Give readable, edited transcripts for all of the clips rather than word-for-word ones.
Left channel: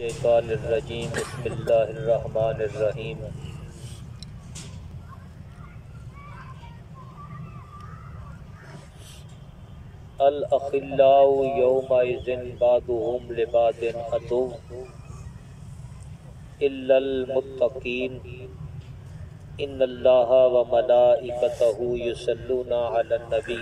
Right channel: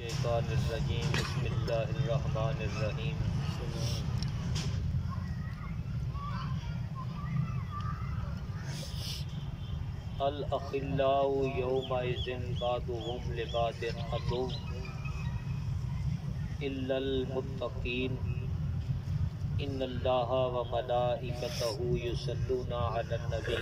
الشیطان الرجیم بسم اللہ الرحمن الرحیم الاخلاء یومئذ بعضهم لبعض عدو الا المتقین ان اللہ وملائکتہ یصلون علی النبی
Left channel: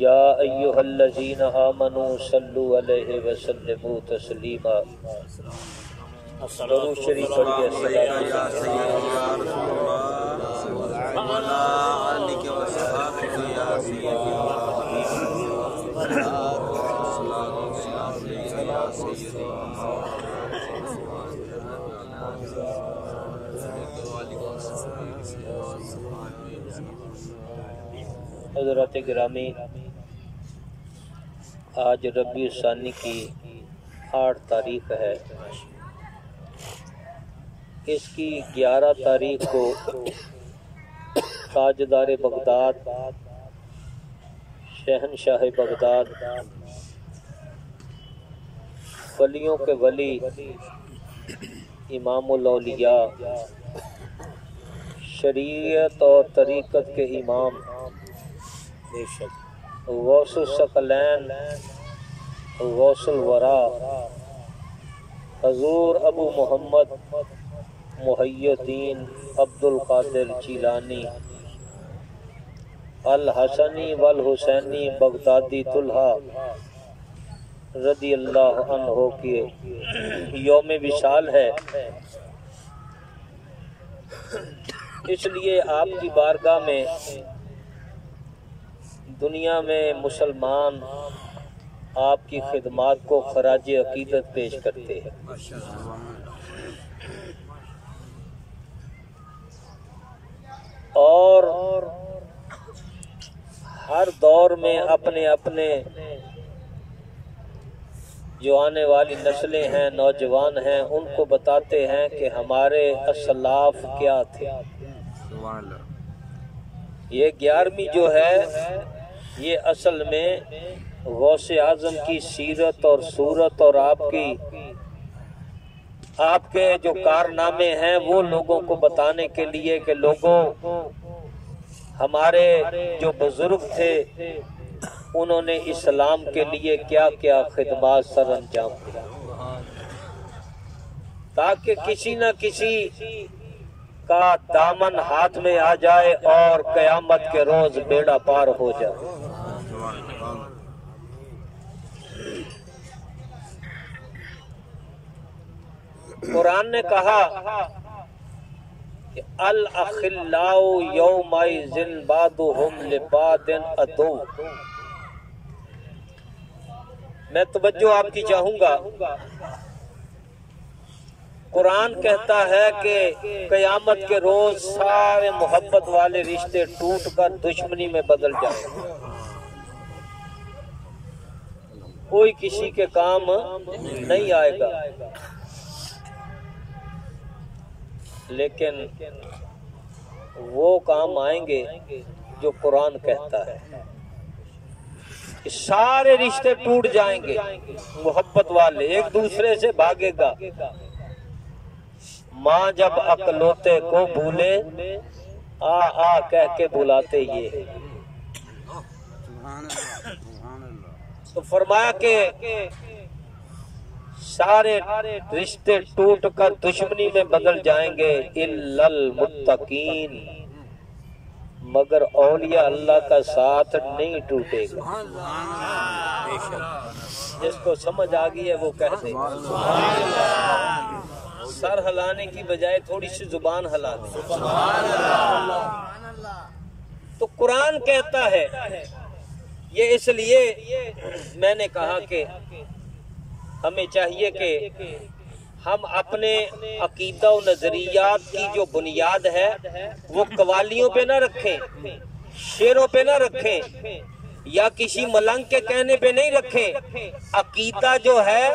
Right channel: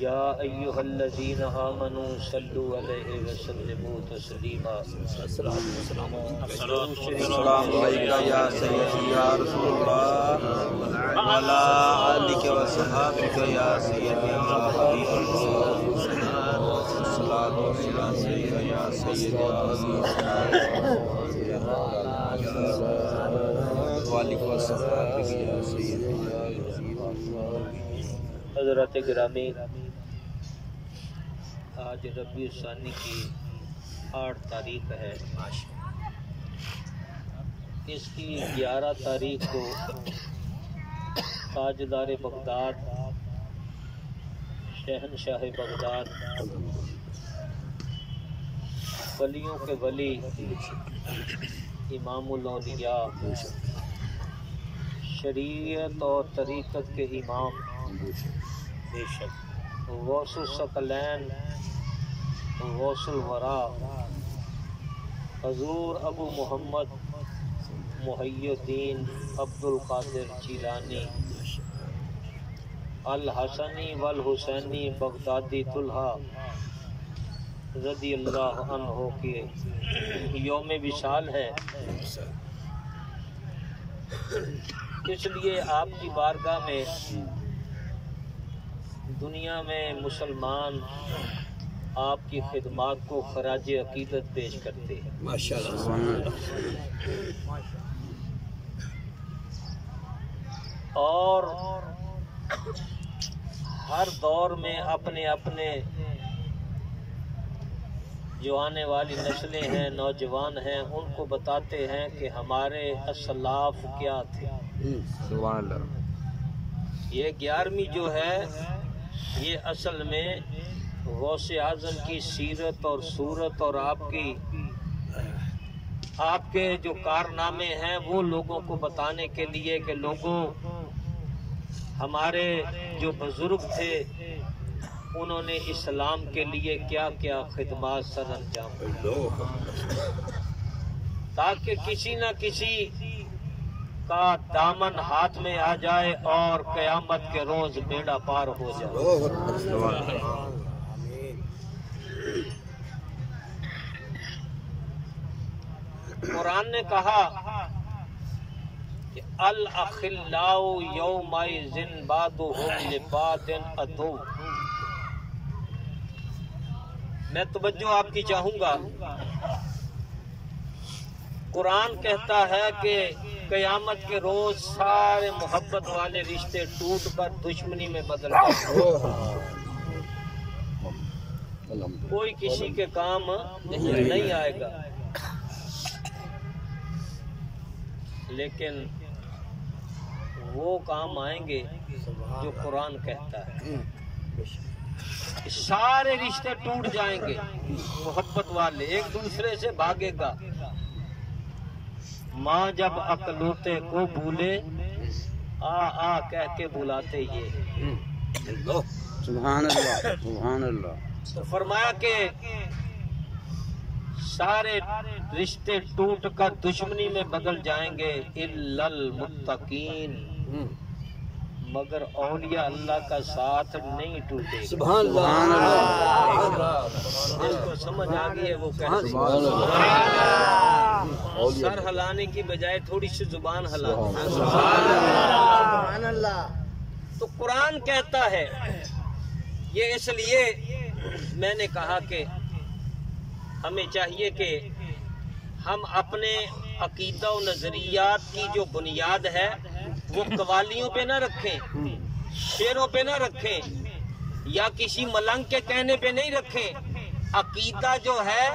یا ایہا الذین آمنوا صلوا علیہ وسلموا تسلیما السلام علیکہ یا سیدی یا رسول اللہ وعلا آلک و صحابک یا سیدی یا حبیب اللہ الصلاة والسلام علیکہ یا سیدی یا حضرات گرامی، آج ربیع الثانی کی 8 تاریخ ہے۔ اس کی 11 تاریخ کو تاجدار بغداد شہنشاہ بغداد ولیوں کے ولی امام الاولیاء شریعت اور طریقت کے امام غوث الثقلین غوث الورا حضور ابو محمد محی الدین عبد القادر جیلانی الحسنی والحسینی بغدادی طلحہ رضی اللہ عنہ کی یوم وصال ہے، اس لیے آپ کی بارگاہ میں دنیا میں مسلمان آپ کی خدمات کو خراج عقیدت پیش کرتے ہیں۔ اور ہر دور میں اپنے اپنے جو آنے والی نسلیں ہیں، نوجوان ہیں، ان کو بتاتے ہیں کہ ہمارے اسلاف کیا تھے۔ یہ 11ویں جو ہے یہ اصل میں غوث اعظم کی سیرت اور صورت اور آپ کے جو کارنامے ہیں وہ لوگوں کو بتانے کے لیے کہ لوگوں، ہمارے جو بزرگ تھے انہوں نے اسلام کے لیے کیا کیا خدمات سر انجام دی، تاکہ کسی نہ کسی کا دامن ہاتھ میں آ جائے اور قیامت کے روز بیڑا پار ہو جائے۔ قرآن نے کہا کہ الاخلاء یومئذ بعضهم لبعض عدو۔ میں توجہ آپ کی چاہوں گا، قرآن کہتا ہے کہ قیامت کے روز سارے محبت والے رشتے ٹوٹ کر دشمنی میں بدل جائیں، کوئی کسی کے کام نہیں آئے گا۔ لیکن وہ کام آئیں گے جو قرآن کہتا ہے کہ سارے رشتے ٹوٹ جائیں گے، محبت والے ایک دوسرے سے بھاگے گا۔ ماں جب اکلوتے کو بھولے آ آ کہہ کے بلاتے یہ۔ سبحان اللہ سبحان اللہ۔ تو فرمایا کہ سارے رشتے ٹوٹ کر دشمنی میں بدل جائیں گے الا المتقین، مگر اولیاء اللہ کا ساتھ نہیں ٹوٹے گا۔ سبحان اللہ۔ جس کو سمجھ آ گئی ہے وہ کہہ سبحان اللہ۔ سر ہلانے کی بجائے تھوڑی سی زبان ہلا دیں۔ سبحان اللہ۔ تو قرآن کہتا ہے، یہ اس لیے میں نے کہا کہ ہمیں چاہیے کہ ہم اپنے عقیدہ و نظریات کی جو بنیاد ہے وہ قوالیوں پہ نہ رکھیں، شعروں پہ نہ رکھیں، یا کسی ملنگ کے کہنے پہ نہیں رکھیں۔ عقیدہ جو ہے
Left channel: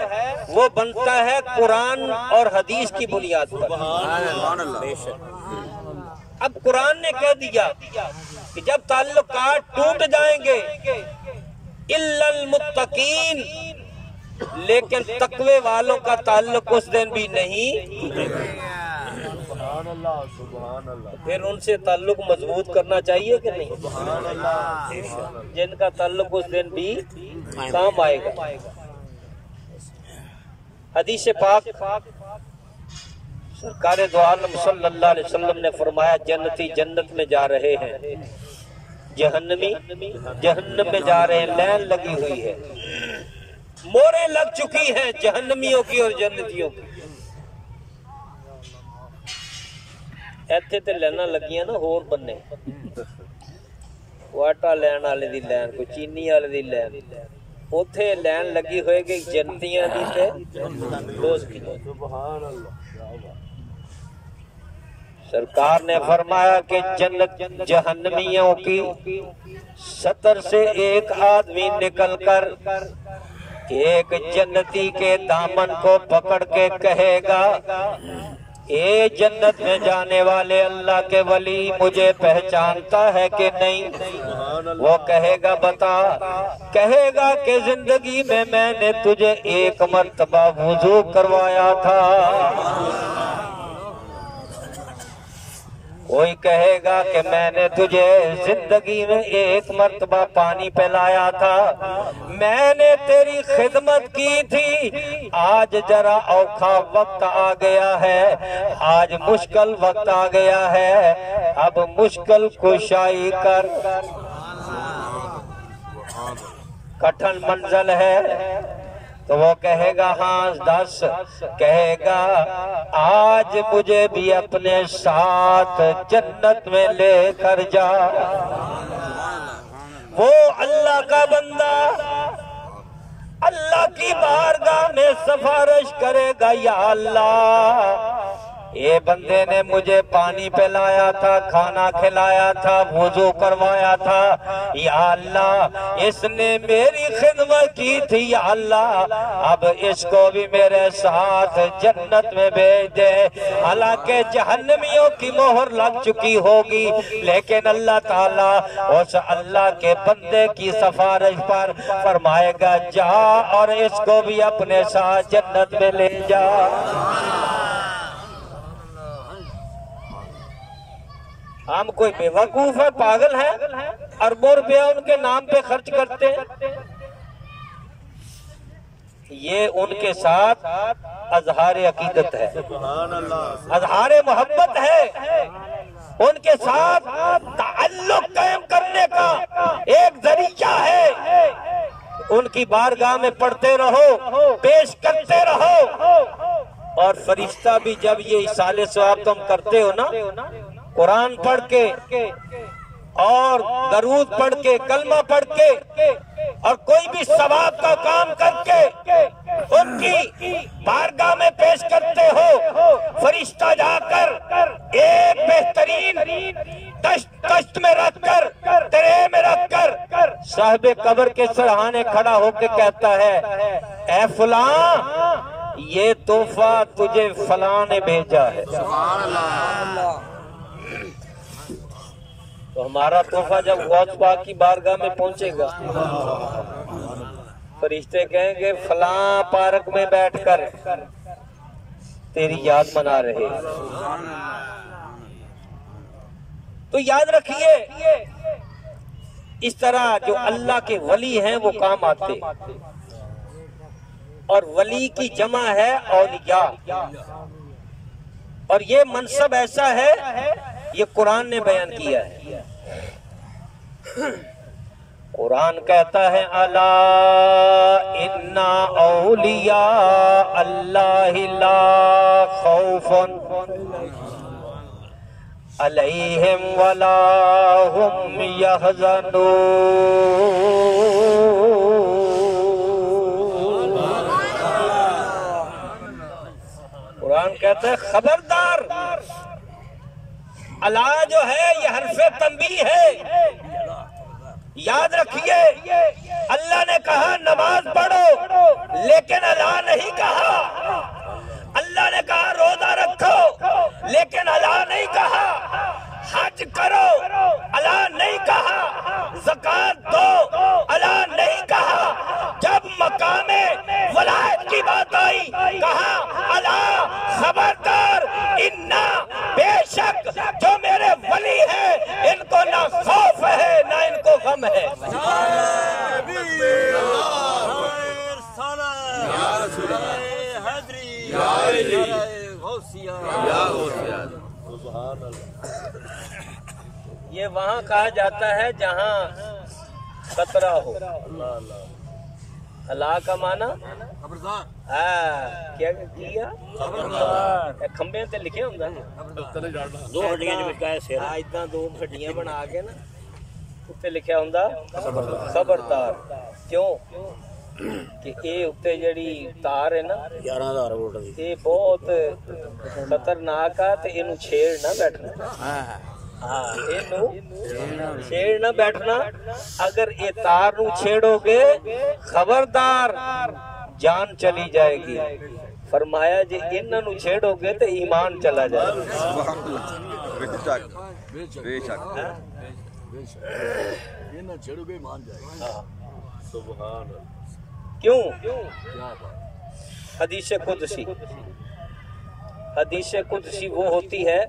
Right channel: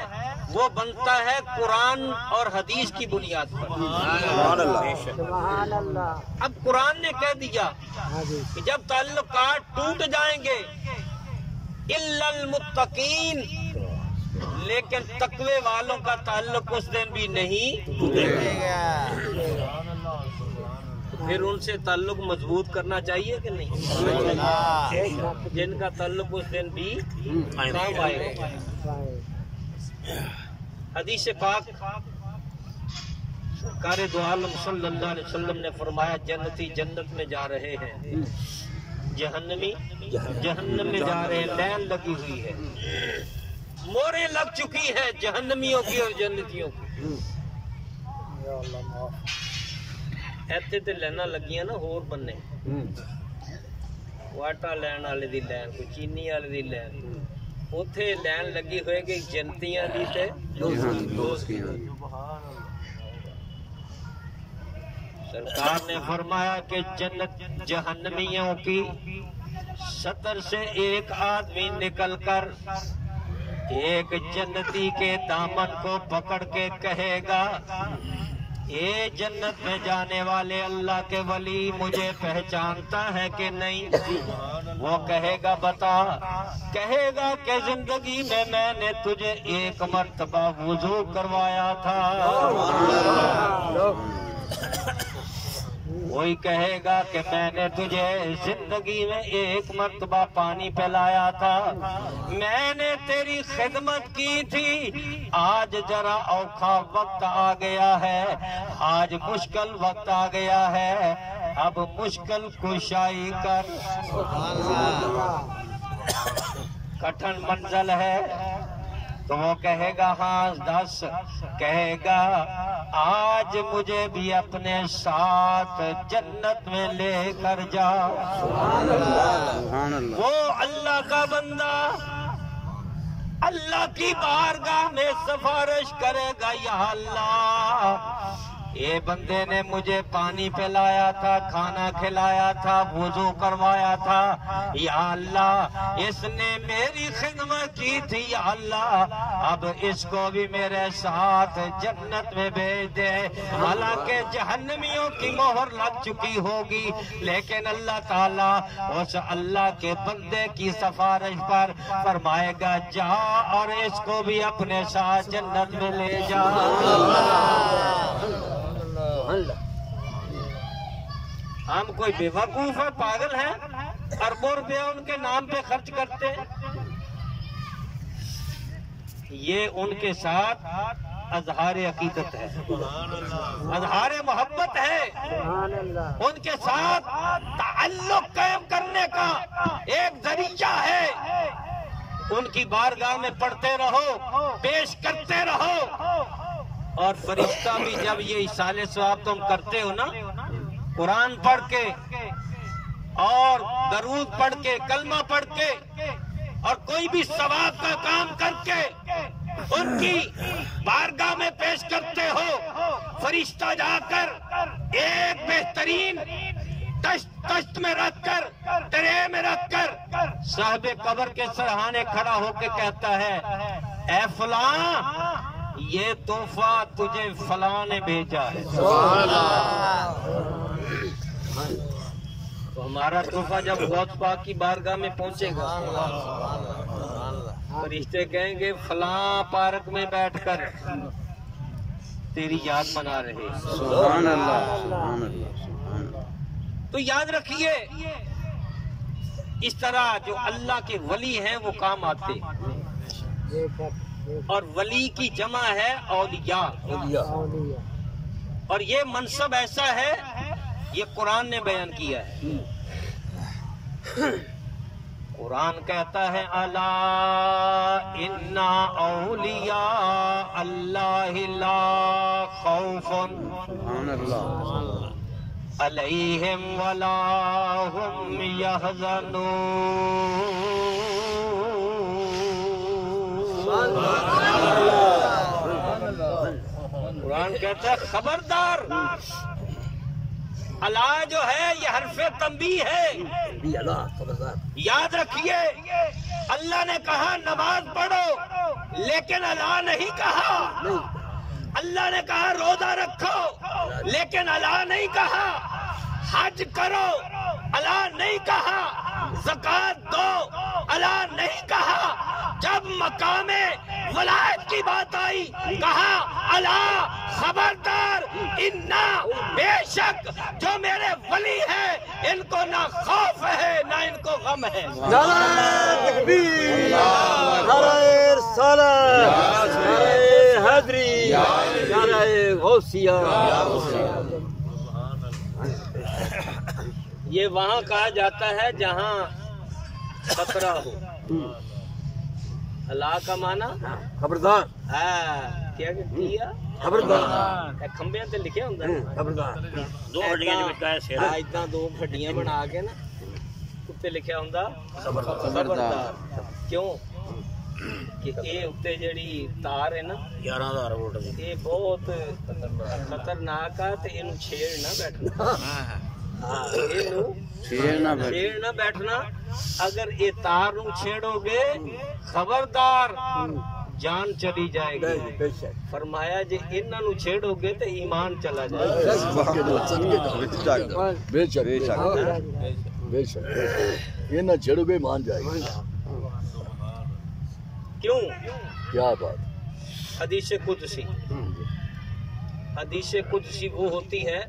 وہ بنتا ہے قرآن اور حدیث کی بنیاد پر۔ سبحان اللہ۔ اب قرآن نے کہہ دیا کہ جب تعلقات ٹوٹ جائیں گے الا المتقین، لیکن تقوی والوں کا تعلق اس دن بھی نہیں، پھر ان سے تعلق مضبوط کرنا چاہیے کہ نہیں؟ جن کا تعلق اس دن بھی کام آئے گا۔ حدیث پاک سرکار دو عالم صلی اللہ علیہ وسلم نے فرمایا جنتی جنت میں جا رہے ہیں، جہنمی جہنم میں جا رہے ہیں، لین لگی ہوئی ہے، موریں لگ چکی ہیں جہنمیوں کی اور جنتیوں کی۔ ایتھے تے لینا لگیاں نا ہور بننے، واٹا لین والے دی لین، کوئی چینی والے دی لین، اوتھے لین لگی ہوئے کہ جنتیاں دی تے دوست دی۔ سرکار نے فرمایا کہ جنت جہنمیوں کی سطر سے ایک آدمی نکل کر ایک جنتی کے دامن کو پکڑ کے کہے گا، اے جنت میں جانے والے اللہ کے ولی، مجھے پہچانتا ہے کہ نہیں؟ وہ کہے گا بتا، کہے گا کہ زندگی میں نے تجھے ایک مرتبہ وضو کروایا تھا۔ کوئی کہے گا کہ میں نے تجھے زندگی میں ایک مرتبہ پانی پلایا تھا، میں نے تیری خدمت کی تھی، آج ذرا اوکھا وقت آ گیا ہے، آج مشکل وقت آ گیا ہے، اب مشکل کشائی کر، کٹھن منزل ہے۔ تو وہ کہے گا ہاں دس، کہے گا آج مجھے بھی اپنے ساتھ جنت میں لے کر جا۔ وہ اللہ کا بندہ اللہ کی بارگاہ میں سفارش کرے گا، یا اللہ یہ بندے نے مجھے پانی پلایا تھا، کھانا کھلایا تھا، وضو کروایا تھا، یا اللہ اس نے میری خدمت کی تھی، یا اللہ اب اس کو بھی میرے ساتھ جنت میں بھیج دے۔ حالانکہ جہنمیوں کی مہر لگ چکی ہوگی، لیکن اللہ تعالیٰ اس اللہ کے بندے کی سفارش پر فرمائے گا جا اور اس کو بھی اپنے ساتھ جنت میں لے جا۔ ہم کوئی بے وقوف ہے، پاگل ہیں، اربوں روپیہ ان کے نام پہ خرچ کرتے ہیں؟ یہ ان کے ساتھ اظہار عقیدت ہے، اظہار محبت ہے، ان کے ساتھ تعلق قائم کرنے کا ایک ذریعہ ہے۔ ان کی بارگاہ میں پڑھتے رہو، پیش کرتے رہو، اور فرشتہ بھی جب یہ اصالِ ثواب تم کرتے ہو نا، قرآن پڑھ کے اور درود پڑھ کے، کلمہ پڑھ کے، اور کوئی بھی ثواب کا کام کر کے ان کی بارگاہ میں پیش کرتے ہو، فرشتہ جا کر ایک بہترین تشت میں رکھ کر، ٹرے میں رکھ کر صاحب قبر کے سرہانے کھڑا ہو کے کہتا ہے، اے فلاں یہ تحفہ تجھے فلاں نے بھیجا ہے۔ سبحان اللہ۔ تو ہمارا تحفہ جب غوث پاک کی بارگاہ میں پہنچے گا، فرشتے کہیں گے فلاں پارک میں بیٹھ کر تیری یاد منا رہے۔ سبحان اللہ۔ تو یاد رکھیے اس طرح جو اللہ کے ولی ہیں وہ کام آتے، اور ولی کی جمع ہے اولیاء، اور یہ منصب ایسا ہے، یہ قرآن نے بیان کیا ہے۔ قرآن کہتا ہے الا ان اولیاء اللہ لا خوف علیہم ولا هم يحزنون۔ قرآن کہتا ہے خبردار، اللہ جو ہے یہ حرف تنبیہ ہے، یاد رکھیے اللہ نے کہا نماز پڑھو، لیکن اللہ نہیں کہا، اللہ نے کہا روزہ رکھو، لیکن اللہ نہیں کہا حج کرو، اللہ نہیں کہا زکات دو، اللہ نہیں کہا۔ جب مقام ولایت کی بات آئی کہا الا خبردار انا بے شک جو میرے ولی ہیں ان کو نہ خوف ہے نہ ان کو غم ہے. نعرہ تکبیر، نعرہ رسالت، نعرہ حیدری، نعرہ غوثیہ. یہ وہاں کہا جاتا ہے جہاں خطرہ ہو. اللہ کا معنی خبردار، کیا کیا خبردار، کھمبے تے لکھے ہوندا خبردار. دو ہڈیاں دو ہڈیاں بنا کے نا اتنے لکھیا ہوندا خبردار. کیوں کہ اے اتنے جڑی تار ہے نا 11,000 ووٹ دی. یہ بہت خطرناک ہے تے اینو چھیڑ نہ بیٹھنا. اینو چھیڑ نہ بیٹھنا. اگر یہ تار نو چھیڑو گے خبردار جان چلی جائے گی. فرمایا جی انہاں نو چھیڑو گے تے ایمان چلا جائے گا. بے شک بے شک یہ نہ چھیڑو گے مان جائے گا. کیوں؟ کیا بات. حدیث قدسی، حدیث قدسی وہ ہوتی ہے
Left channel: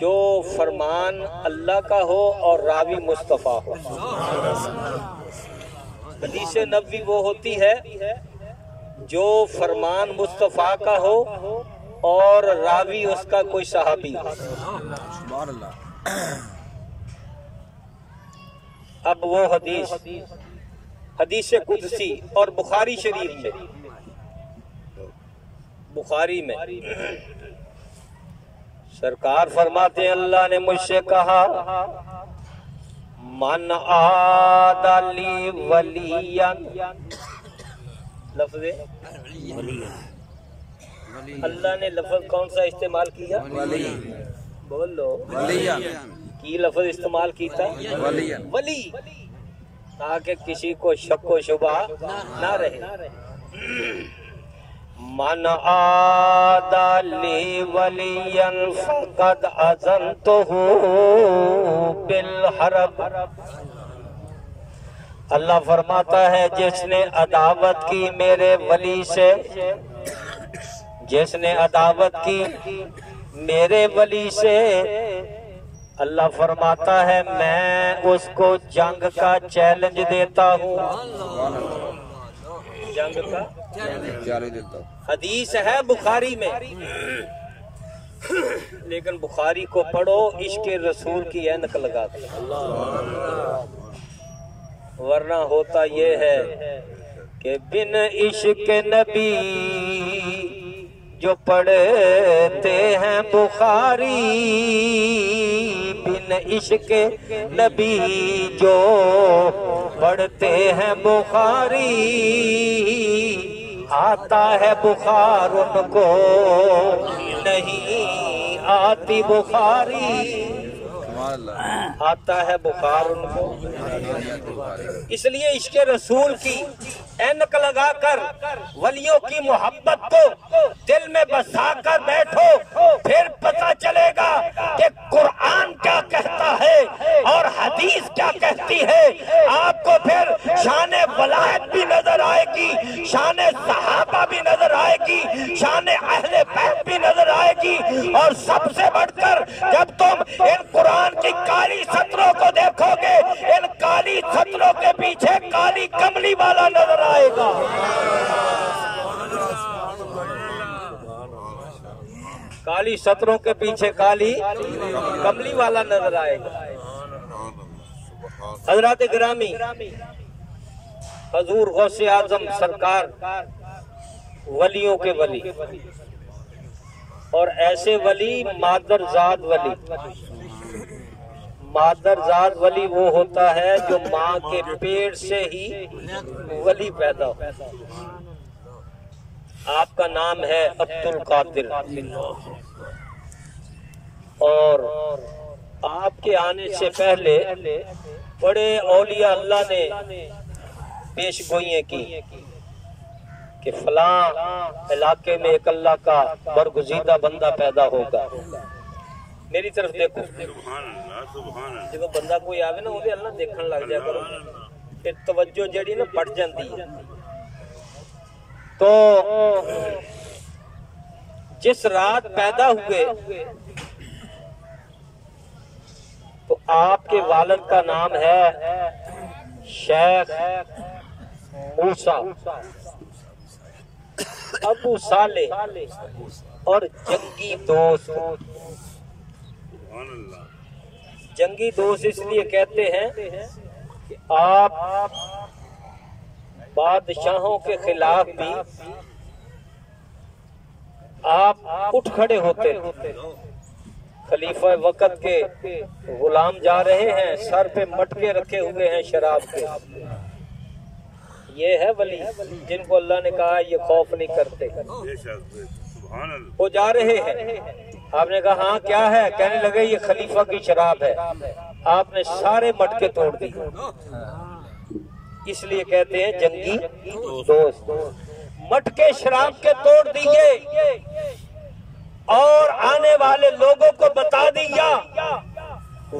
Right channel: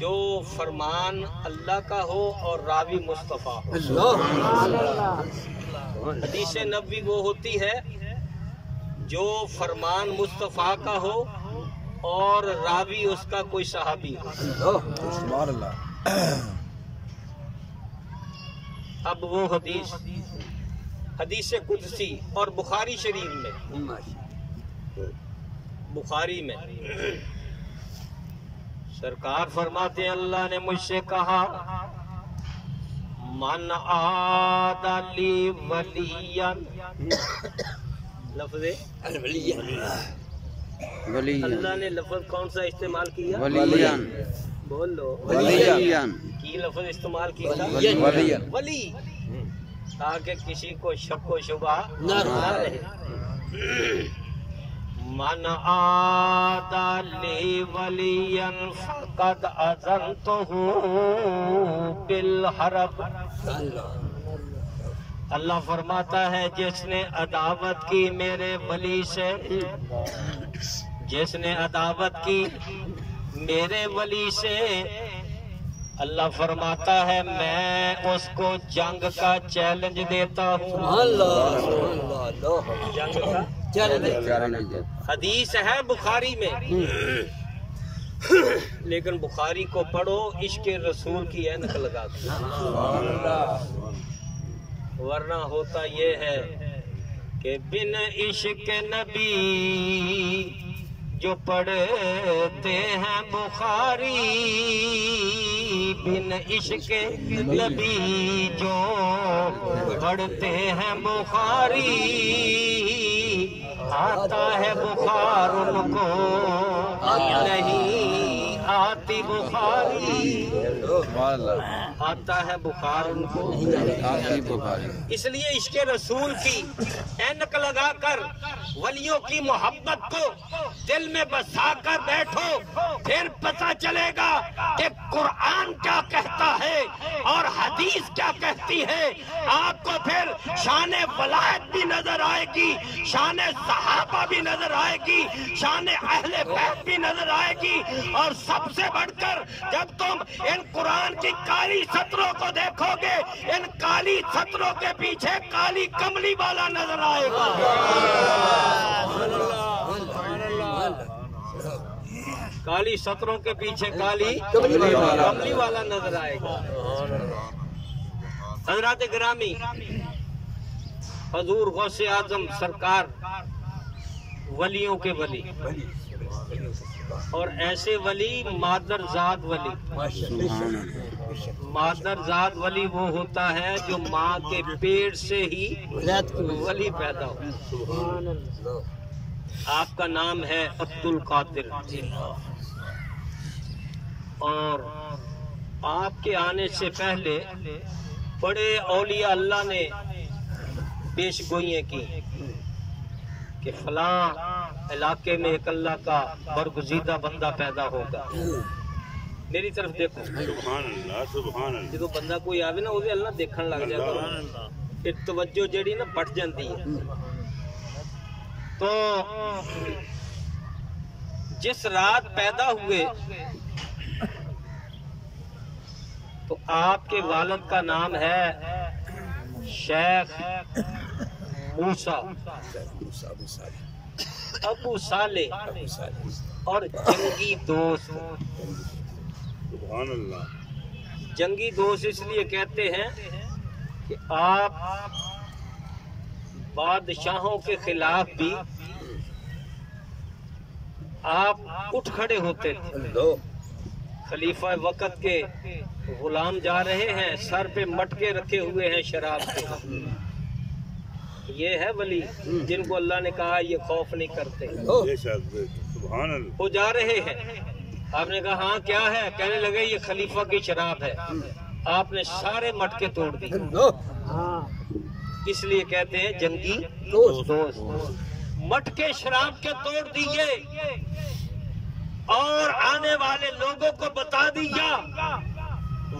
جو فرمان اللہ کا ہو اور راوی مصطفیٰ ہو. حدیث نبوی وہ ہوتی ہے جو فرمان مصطفیٰ کا ہو اور راوی اس کا کوئی صحابی ہو. سبحان اللہ. اب وہ حدیث قدسی اور بخاری شریف میں، بخاری میں سرکار فرماتے ہیں اللہ نے مجھ سے کہا من عاد لی ولیا. لفظ اللہ نے لفظ کون سا استعمال کیا؟ بولو کی لفظ استعمال کیا؟ ولی، تاکہ کسی کو شک و شبہ نہ رہے. من عاد لی ولیا فقد اذنتہ بالحرب. اللہ فرماتا ہے جس نے عداوت کی میرے ولی سے، جس نے عداوت کی میرے ولی سے، اللہ فرماتا ہے میں اس کو جنگ کا چیلنج دیتا ہوں. جنگ کا حدیث ہے بخاری میں، لیکن بخاری کو پڑھو عشق رسول کی اینک لگا کے، ورنہ ہوتا یہ ہے کہ بن عشق نبی جو پڑھتے ہیں بخاری، بن عشق نبی جو پڑھتے ہیں بخاری، آتا ہے بخار ان کو نہیں آتی بخاری. آتا ہے بخار ان کو. اس لیے عشق رسول کی اینک لگا کر ولیوں کی محبت کو دل میں بسا کر بیٹھو، پھر پتہ چلے گا کہ قرآن کیا کہتا ہے اور حدیث کیا کہتی ہے. آپ کو پھر شان ولایت بھی نظر آئے گی، شان صحابہ بھی نظر آئے گی، شان اہل بیت بھی نظر آئے گی. اور سب سے بڑھ کر جب تم ان قرآن کی کالی سطروں کو دیکھو گے، ان کالی سطروں کے پیچھے کالی کملی والا نظر آئے گا. کالی سطروں کے پیچھے کالی کملی والا نظر آئے گا. حضرات گرامی، حضور غوث اعظم سرکار ولیوں کے ولی، اور ایسے ولی مادرزاد ولی. مادرزاد ولی وہ ہوتا ہے جو ماں کے پیٹ سے ہی ولی پیدا ہو. آپ کا نام ہے عبد القادر، اور آپ کے آنے سے پہلے بڑے اولیاء اللہ نے پیش گوئیاں کی کہ فلاں علاقے میں ایک اللہ کا برگزیدہ بندہ پیدا ہوگا. میری طرف دیکھو، جب بندہ کوئی آوے نا وہ اللہ دیکھن لگ جائے کرو. پھر توجہ جڑی نا پٹ جاندی ہے. تو جس رات پیدا ہوئے تو آپ کے والد کا نام ہے شیخ موسیٰ ابو صالح اور جنگی دوست. جنگی دوست اس لیے کہتے ہیں کہ آپ بادشاہوں کے خلاف بھی آپ اٹھ کھڑے ہوتے ہیں. خلیفہ وقت کے غلام جا رہے ہیں, سر پہ مٹکے رکھے ہوئے ہیں شراب کے. یہ ہے ولی جن کو اللہ نے کہا یہ خوف نہیں کرتے. وہ جا رہے ہیں, آپ نے کہا ہاں کیا ہے, کہنے لگے یہ خلیفہ کی شراب ہے. آپ نے سارے مٹکے توڑ دی. اس لیے کہتے ہیں جنگی دوست. مٹکے شراب کے توڑ دیے اور آنے والے لوگوں کو بتا دیا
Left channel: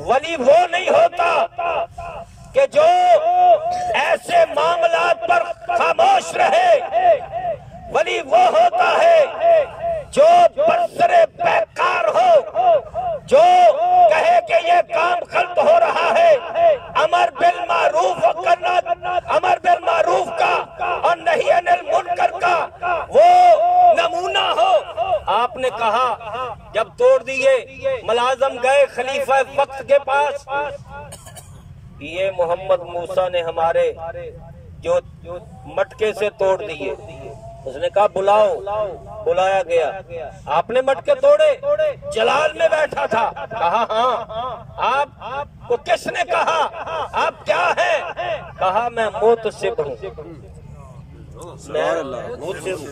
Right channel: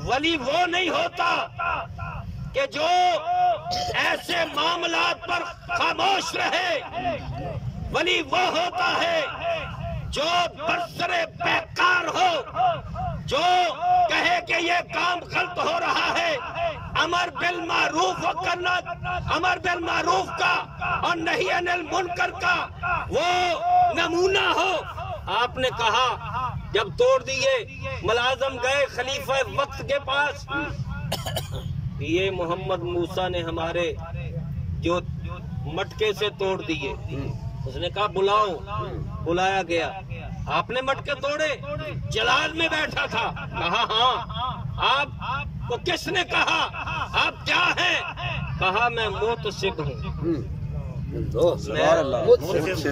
ولی وہ نہیں ہوتا کہ جو ایسے معاملات پر خاموش رہے. ولی وہ ہوتا ہے جو برسرے پیکار ہو, جو کہے کہ یہ کام غلط ہو رہا ہے, امر بالمعروف کرنا, امر بالمعروف کا اور نہی عن المنکر کا وہ نمونہ ہو. آپ نے کہا جب توڑ دیے, ملازم گئے خلیفہ وقت کے پاس, یہ محمد موسیٰ نے ہمارے جو مٹکے سے توڑ دیے. اس نے کہا بلاؤ. بلایا گیا. آپ نے مٹکے توڑے, جلال میں بیٹھا تھا. کہا ہاں. آپ کو کس نے کہا, آپ کیا ہیں؟ کہا میں محتسب ہوں,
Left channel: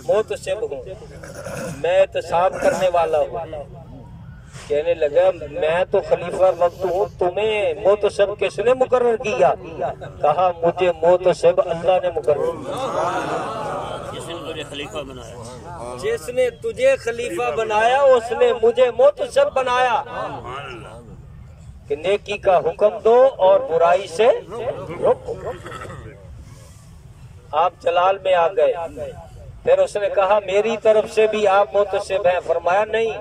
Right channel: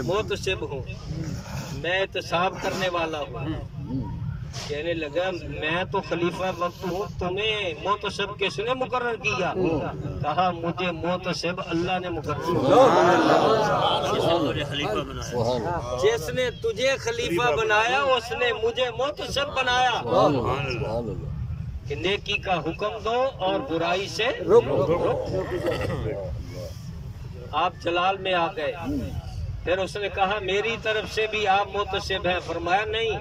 محتسب ہوں, میں احتساب کرنے والا ہوں. کہنے لگا میں تو خلیفہ وقت ہوں, تمہیں محتسب کس نے مقرر کیا؟ کہا مجھے محتسب اللہ نے مقرر کیا. جس نے تجھے خلیفہ بنایا اس نے مجھے محتسب بنایا کہ نیکی کا حکم دو اور برائی سے روکو. آپ جلال میں آ گئے. پھر اس نے کہا میری طرف سے بھی آپ محتسب ہیں. فرمایا نہیں,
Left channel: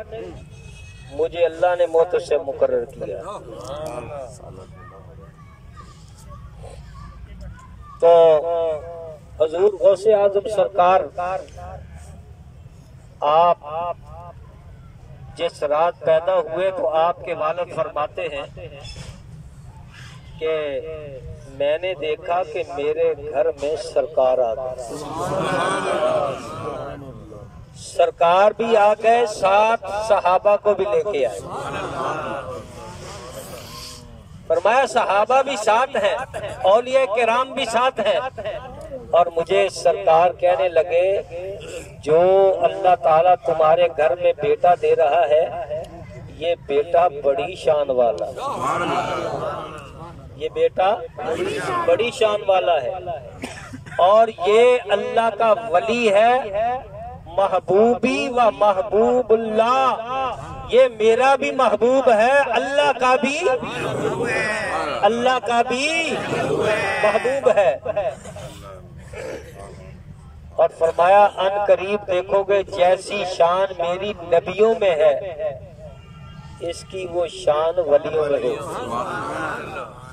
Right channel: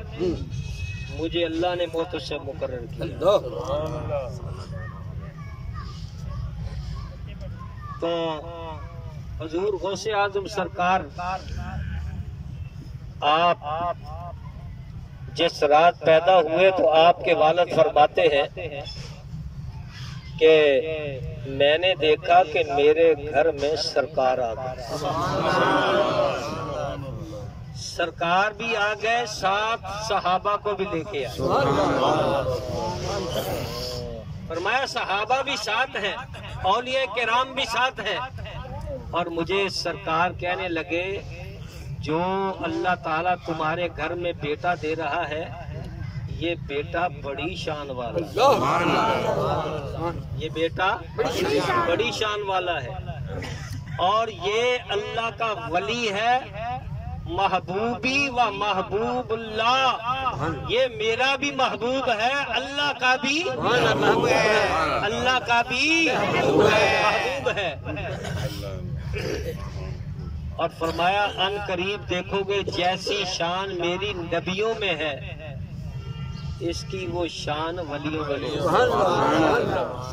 مجھے اللہ نے محتسب مقرر کیا. تو حضور غوث اعظم سرکار آپ جس رات پیدا ہوئے تو آپ کے والد فرماتے ہیں کہ میں نے دیکھا کہ میرے گھر میں سرکار آ گئے. سرکار بھی آ گئے, ساتھ صحابہ کو بھی لے کے آئے. فرمایا صحابہ بھی ساتھ ہیں, اولیاء کرام بھی ساتھ ہیں. اور مجھے سرکار کہنے لگے جو اللہ تعالیٰ تمہارے گھر میں بیٹا دے رہا ہے یہ بیٹا بڑی شان والا ہے. یہ بیٹا بڑی شان والا ہے اور یہ اللہ کا ولی ہے, محبوبی و محبوب اللہ. یہ میرا بھی محبوب ہے, اللہ کا بھی محبوب ہے. اور فرمایا ان قریب دیکھو گے جیسی شان میری نبیوں میں ہے اس کی وہ شان ولیوں میں ہے.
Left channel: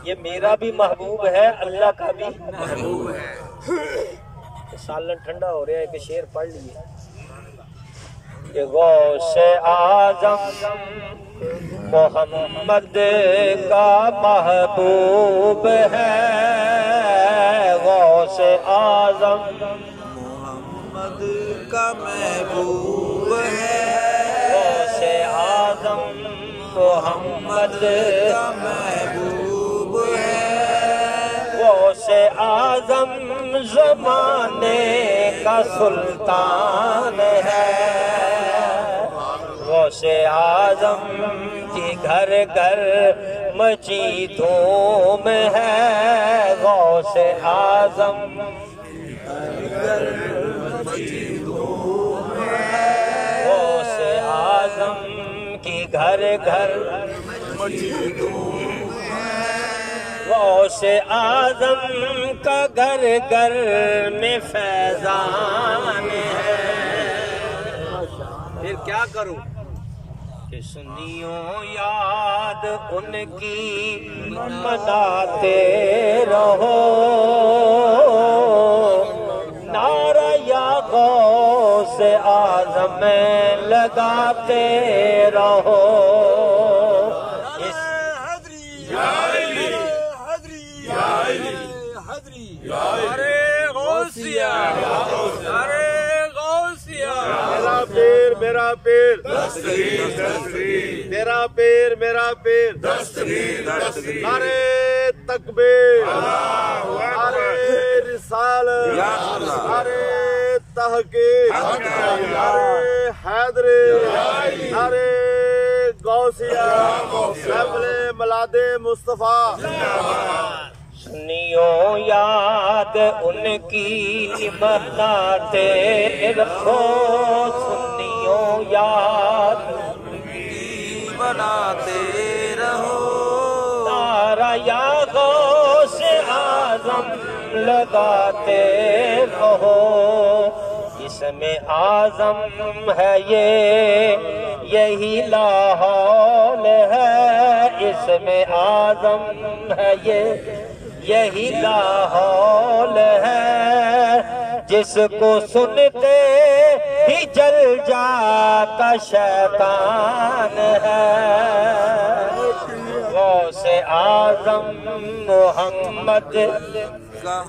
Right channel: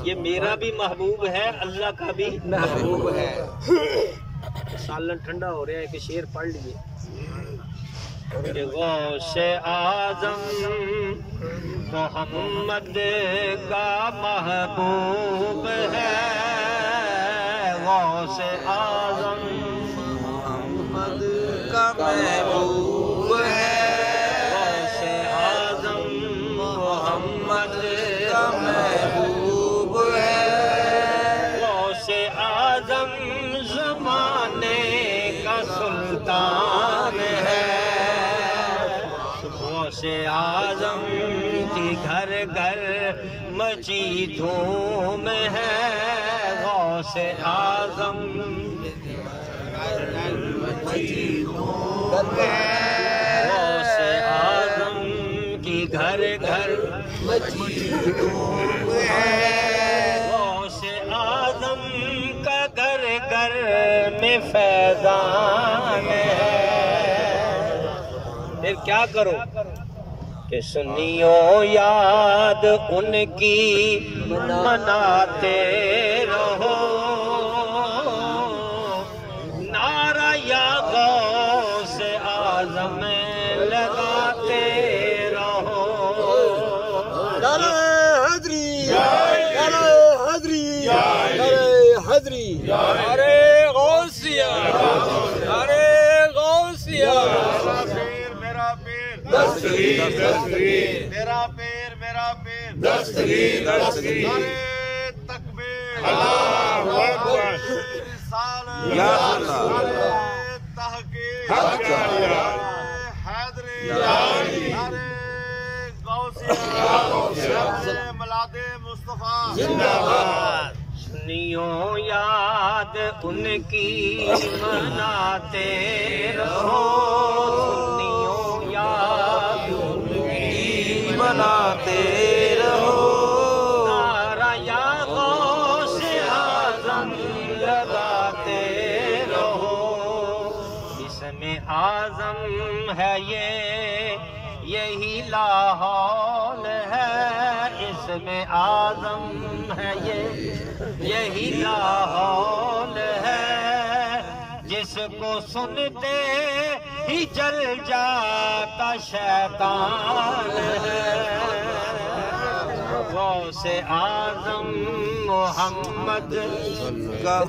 یہ میرا بھی محبوب ہے, اللہ کا بھی محبوب ہے. سالن ٹھنڈا ہو رہا ہے, کہ شعر پڑھ لیے کہ غوث اعظم محمد کا محبوب ہے. غوث اعظم محمد کا محبوب ہے. غوث اعظم محمد کا محبوب ہے. غوث اعظم زمانے کا سلطان ہے. غوث اعظم کی گھر گھر مچی دھوم ہے. غوث اعظم غوث اعظم کی گھر گھر غوث اعظم کا سر میں فیضان ہے، پھر کیا کروں کہ سنیوں یاد ان کی مناتے رہو، نعرہ یا غوث اعظم لگاتے رہو۔ ارے غوثیہ، ارے غوثیہ، میرا پیر دستگیر، دستگیر، تیرا پیر میرا پیر دستگیر، دستگیر، ارے تکبیر، ارے رسالت، یا اللہ، ارے تحقیق، ارے حیدری، ارے غوثیہ، شمل ملاد مصطفیٰ۔ سنیوں یاد ان کی مناتے رہو، سنیوں یاد کی مناتے رہو، نعرہ یا غوث اعظم لگاتے رہو۔ اس میں اعظم ہے یہی لاحول ہے، اس میں اعظم ہے یہی لاحول ہے، جس کو سنتے ہی جل جاتا شیطان ہے۔ غوث اعظم محمد کا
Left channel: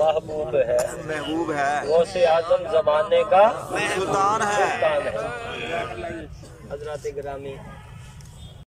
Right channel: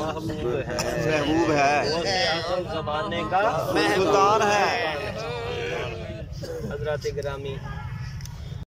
محبوب ہے، محبوب ہے، غوث اعظم زمانے کا سلطان ہے۔ حضرات گرامی،